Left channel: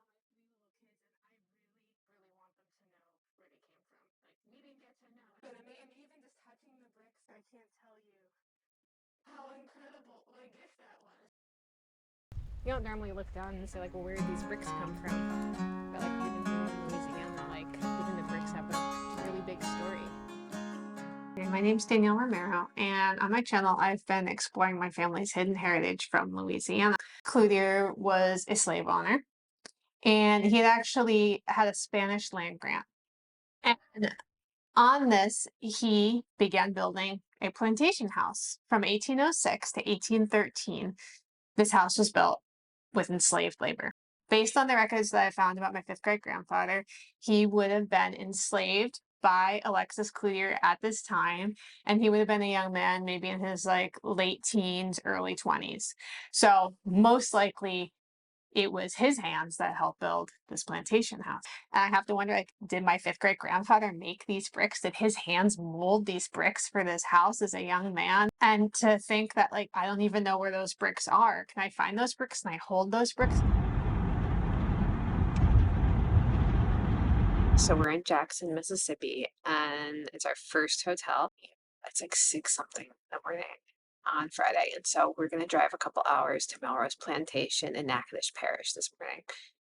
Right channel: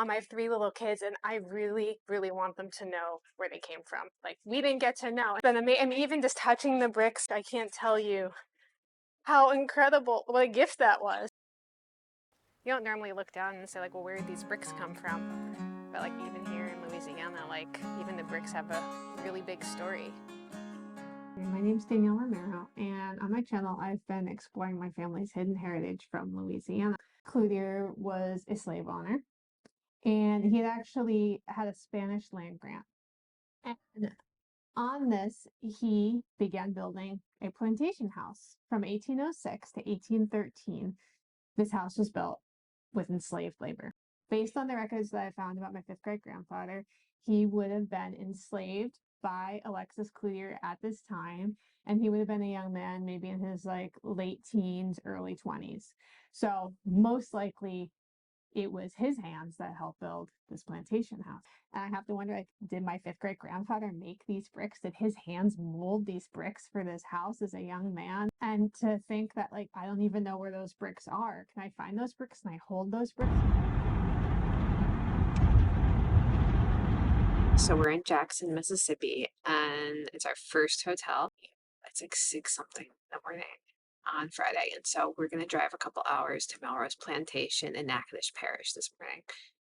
mom, I have 3 little kids, and I really, really want them to know where they came from. Like, we didn't get to know. But I mean, even just touching the bricks, I can't tell you how incredible, what a gift that was. You don't normally look down and say, like, well, where did these bricks come from? But, like, even here in Louisiana, like, even the bricks have a really big story. My name's Danielle Romero, and on my channel, I've been exploring my family's hidden heritage from Louisiana. Cloutier was a slave owner, and he had actually had a Spanish land grant. And on this, he began building a plantation house. From 1806 to 1813, this house was built with enslaved labor. Based on the records that I found about my 5th great grandfather, he would have been enslaved by Alexis Cloutier at this time, and he would have been a young man, maybe in his like late teens, early 20s. So most likely it was his hands that helped build this plantation house. And I have to wonder, like, did my 5th great grandfather make these bricks? Did his hands mold these bricks for this house as a young man? And to think that, like, I don't even know where those bricks are. Can I find those bricks? Can I hold those bricks? So we're in Jackson, Mississippi, and it's our first hotel. It's like 6 something in the morning on Friday. And so we're going to drive a couple hours to Melrose Plantation in Natchitoches Parish this morning.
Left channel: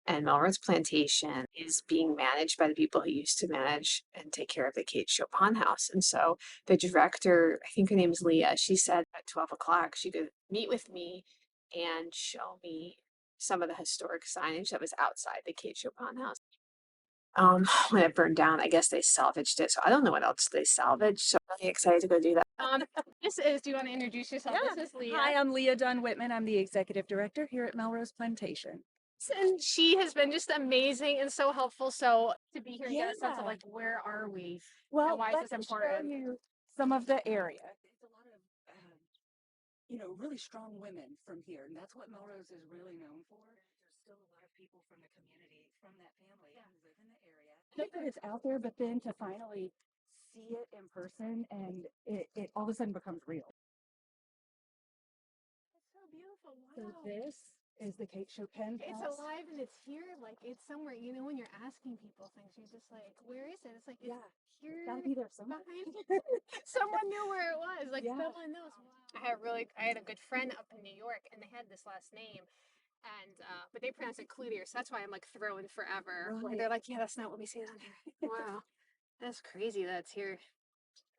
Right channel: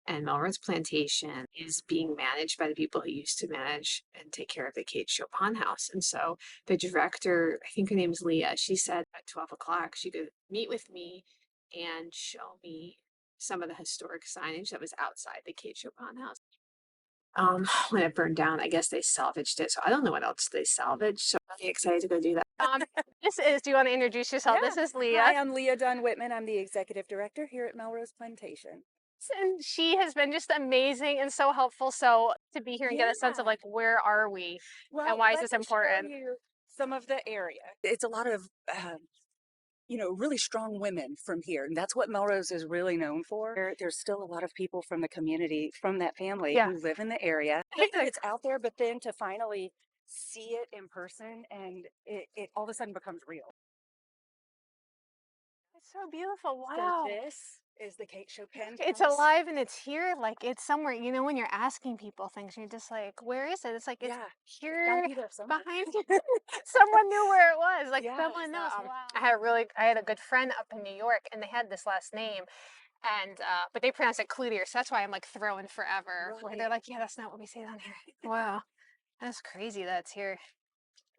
And Melrose Plantation is being managed by the people who used to manage and take care of the Chopin House. And so the director, I think her name is Leah, she said at 12 o'clock she could meet with me and show me some of the historic signage that was outside the Chopin House. When it burned down, I guess they salvaged it. So I don't know what else they salvaged. So I'm really excited to go do that. Do you want to introduce yourself? Yeah. This is Leah. Hi, I'm Leah Dunn Whitman. I'm the executive director here at Melrose Plantation. And she has been just amazing and so helpful. So to be here and get a sense of like, where are we and why is this important? Some of the area. It's a lot of, really strong women from here. And that's what Melrose is really known for. There's still a lot of people from the community, from that family who live in the area. It's out there, but then to finally see it in person and it all of a sudden becomes real. It's so beautiful. Wow. So this is the Chopin House. It's alive and it's here. Like, it's somewhere, when you're asking people things, you're just like, where is it? It's like, it's here behind you. Someone knew where it was. Like, someone knows. Wow. I had a good friend up in New York, and they had this last name. And but they pronounce it Cloutier, so that's why I'm like throwing forever. Where they're like, yeah, that's not what we say down here. Wow, that's crazy. That's here.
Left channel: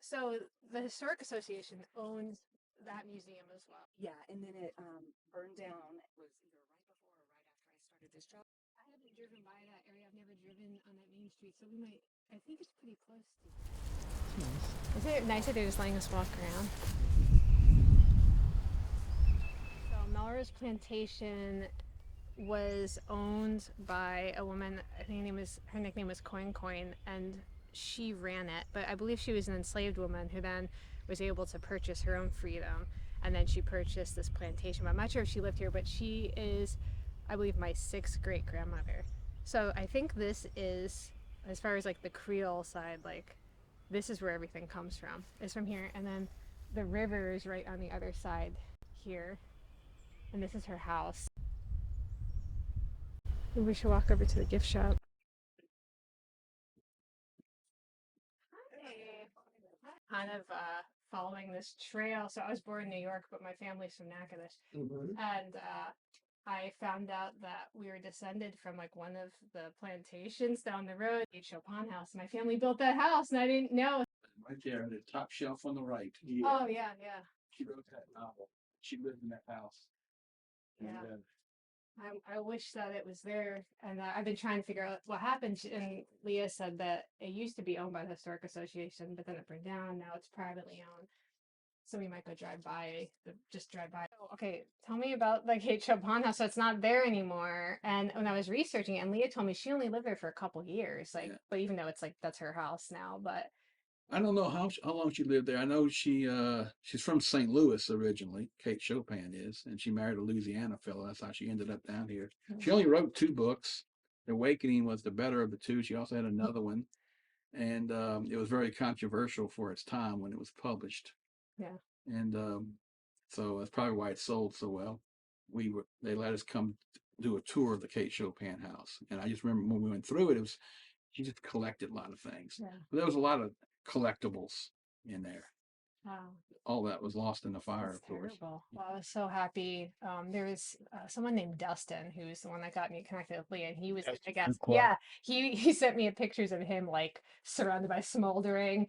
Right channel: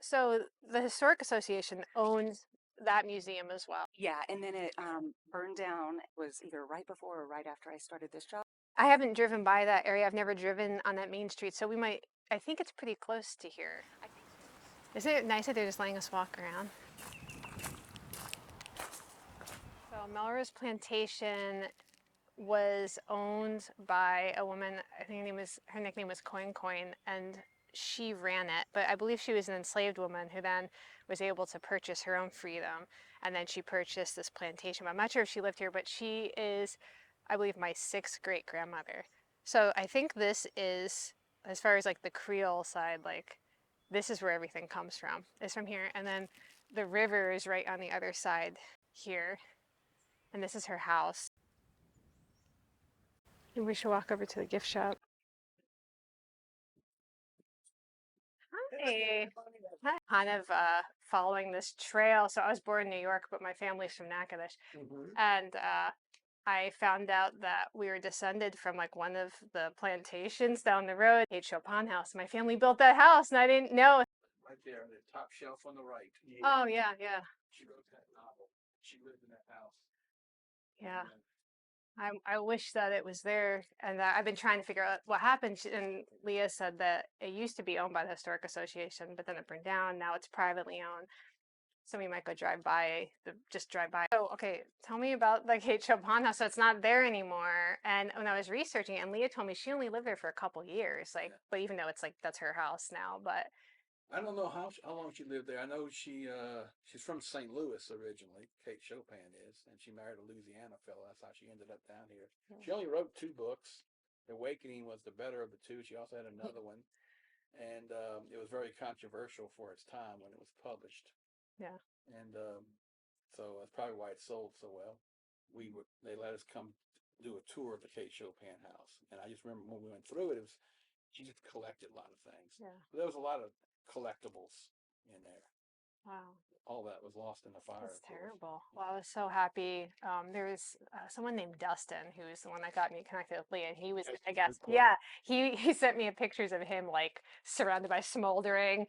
So the Historic Association owns that museum as well. Yeah, and then it burned down. It was either right before or right after I started this job. I haven't driven by that area. I've never driven on that main street, so we might. I think it's pretty close to here. Is it nice that they're just letting us walk around? So Melrose Plantation was owned by a woman. I think her nickname was CoinCoin, and she ran it. But I believe she was an enslaved woman who then was able to purchase her own freedom, and then she purchased this plantation. I'm not sure if she lived here, but she is, I believe, my 6th great grandmother. So I think this is, as far as like the Creole side, like this is where everything comes from. It's from here, and then the river is right on the other side here, and this is her house. Maybe we should walk over to the gift shop. Hi. Hi. Kind of following this trail. So I was born in New York, but my family's from Natchitoches. And I found out that we were descended from like one of the plantations down the road, Chopin House. My family built that house, and I didn't know. Right there, the top shelf on the right. Oh, yeah. She wrote that novel. She lived in that house. Yeah. I wish that it was there, and I've been trying to figure out what happened. And Leah said that it used to be owned by the Historic Association, but then it burned down. Now it's privately owned. So we might go drive by. Oh, okay. Tell me about like Chopin House. So it's not there anymore. And when I was researching it, and Leah told me she only lived there for a couple years. Like, but even though it's like that's her house now, but. I don't know how long she lived there. I know she's from St. Louis originally. Kate Chopin is, and she married a Louisiana fellow. That's how she ended up down here. She only wrote 2 books. The Awakening was the better of the 2. She also had another one, and it was very controversial for its time when it was published. Yeah. And so that's probably why it sold so well. They let us come do a tour of the Kate Chopin house. And I just remember when we went through it, she just collected a lot of things. Yeah. But there was a lot of collectibles in there. Wow. All that was lost in the fire, That's of course. terrible. Well, I was so happy. There's someone named Dustin who's the one that got me connected with Leah. He was, I guess, yeah. He sent me pictures of him like surrounded by smoldering,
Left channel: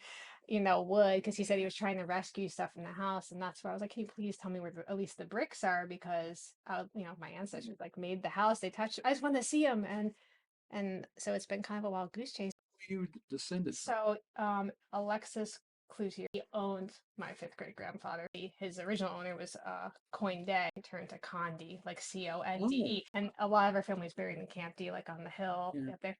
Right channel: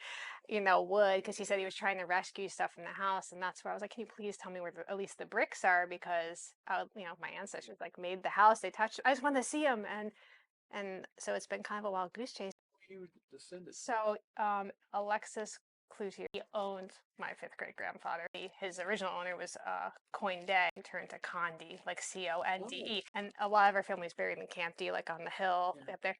wood, because he said he was trying to rescue stuff in the house, and that's why I was like, can you please tell me where at least the bricks are, because my ancestors like made the house. They touched. I just wanted to see them, and so it's been kind of a wild goose chase. You descended. So, Alexis Cloutier, he owned my fifth great grandfather. His original owner was Coindet. He turned to Conde, like Conde. And a lot of our family's buried in Camp D, like on the hill up there.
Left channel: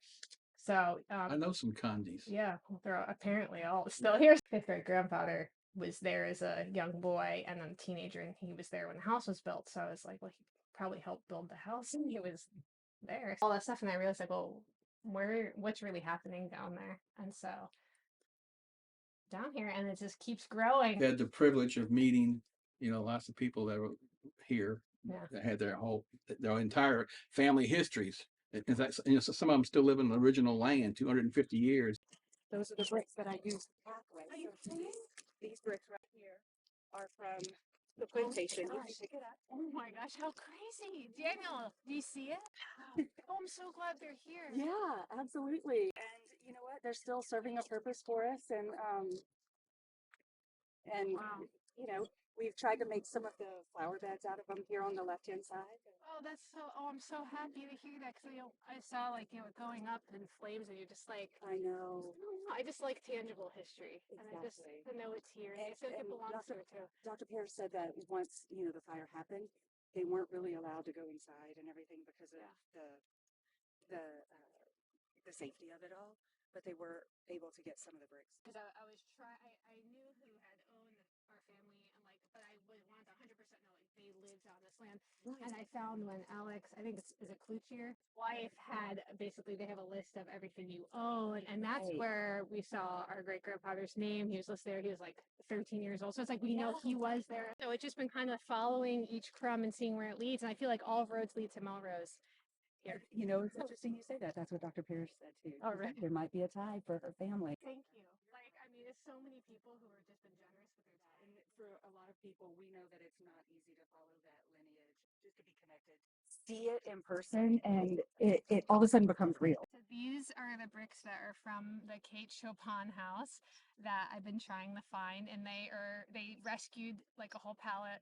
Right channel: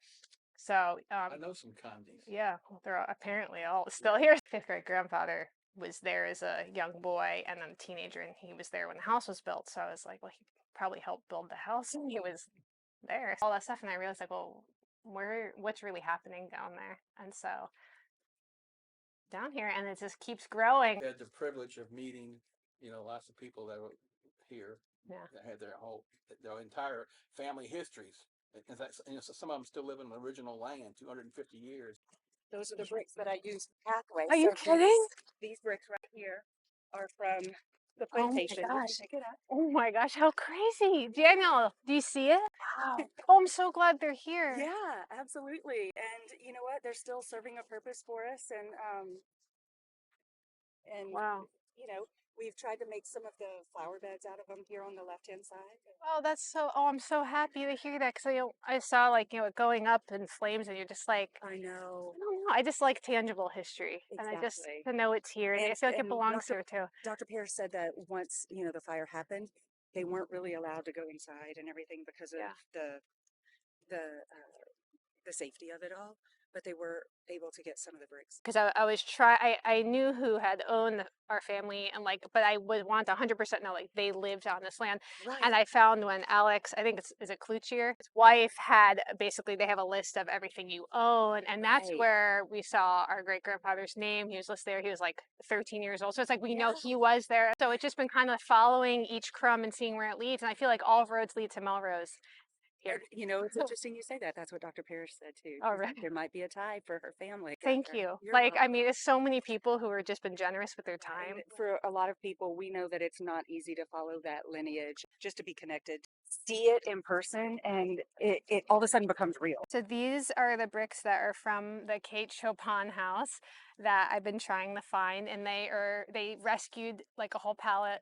So I know some Condes. Yeah, they're apparently all still here. Fifth great grandfather was there as a young boy and then a teenager, and he was there when the house was built. So I was like, well, he probably helped build the house, and he was there. All that stuff, and I realized like, well, what's really happening down there? And so down here, and it just keeps growing. I had the privilege of meeting, lots of people that were here that had their entire family histories. In fact, some of them still live in the original land, 250 years. Those are the bricks that I use pathway. Are you kidding? These bricks right here are from the plantation. Oh my gosh. Pick it up. Oh my gosh, how crazy. Daniel, do you see it? Wow. Oh, I'm so glad they're here. Yeah, absolutely. And you know what? They're still serving a purpose for us. And wow. We've tried to make some of the flower beds out of them here on the left-hand side. Oh, I'm so happy to hear that, because I saw it going up in flames, and you're just like, I know. I don't know. I just like tangible history. Exactly. And I just to know it's here. And I feel like it belongs here too. Dr. Pierce said that once, the fire happened, they weren't really allowed to go inside and everything because of the safety of it all, but they were able to get some of the bricks. Because I knew who had owned our family, and but I would want 100% know they lived on this land. Right. And I found when Alex, I think is it Cloutier, his wife had basically, they have a list of everything you own, and that's where we saw our great grandfather's name. He was listed there. He was like 13 years old, so it's like we know he was there. So it's just been kind of following each crumb and seeing where it leads, and I feel like all roads lead to Melrose. Here. It's interesting you say that. That's what Dr. Pierce said too. Oh, right. There might be a tie for her family. Thank you. You're welcome. I mean, there's so many people who have just been generous with their time. And for a lot of people, we know that it's not easy to follow that lineage, just to be connected. See it in person, and it all of a sudden becomes real. So these are the bricks that are from the Kate Chopin house that I've been trying to find, and they rescued like a whole pallet.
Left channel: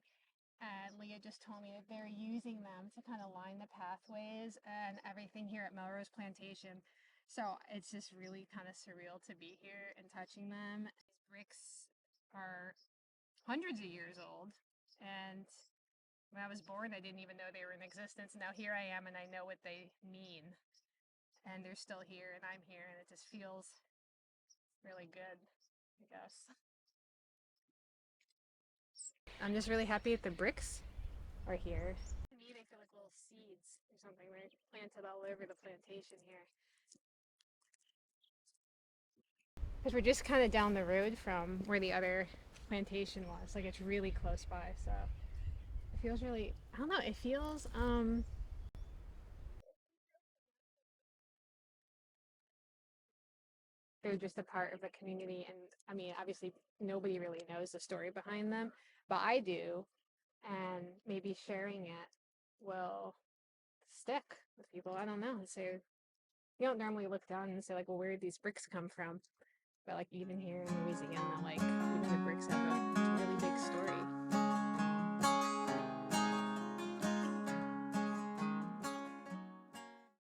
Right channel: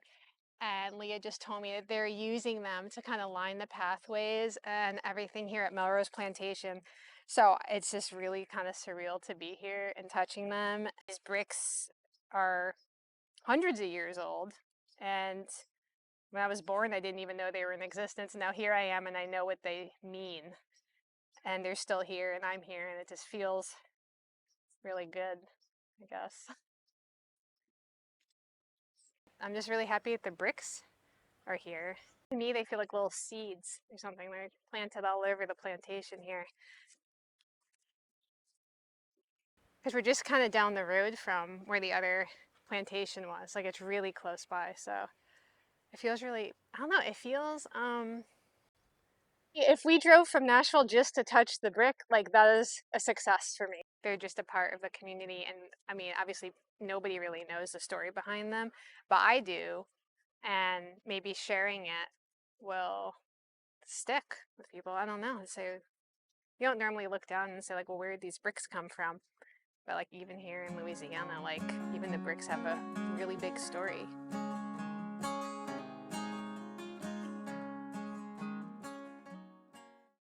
And Leah just told me that they're using them to kind of line the pathways and everything here at Melrose Plantation. So it's just really kind of surreal to be here and touching them. These bricks are hundreds of years old. And when I was born, I didn't even know they were in existence. Now here I am, and I know what they mean. And they're still here, and I'm here, and it just feels really good, I guess. I'm just really happy that the bricks are here. To me, they feel like little seeds or something. They're planted all over the plantation here. Because we're just kind of down the road from where the other plantation was. Like, it's really close by, so it feels really, I don't know, it feels, if we drove from Nashville just to touch the brick, that is a success for me. They're just a part of the community, and I mean, obviously nobody really knows the story behind them, but I do, and maybe sharing it will stick with people. I don't know. So you don't normally look down and say well, where did these bricks come from? But even here in Louisiana, even the bricks have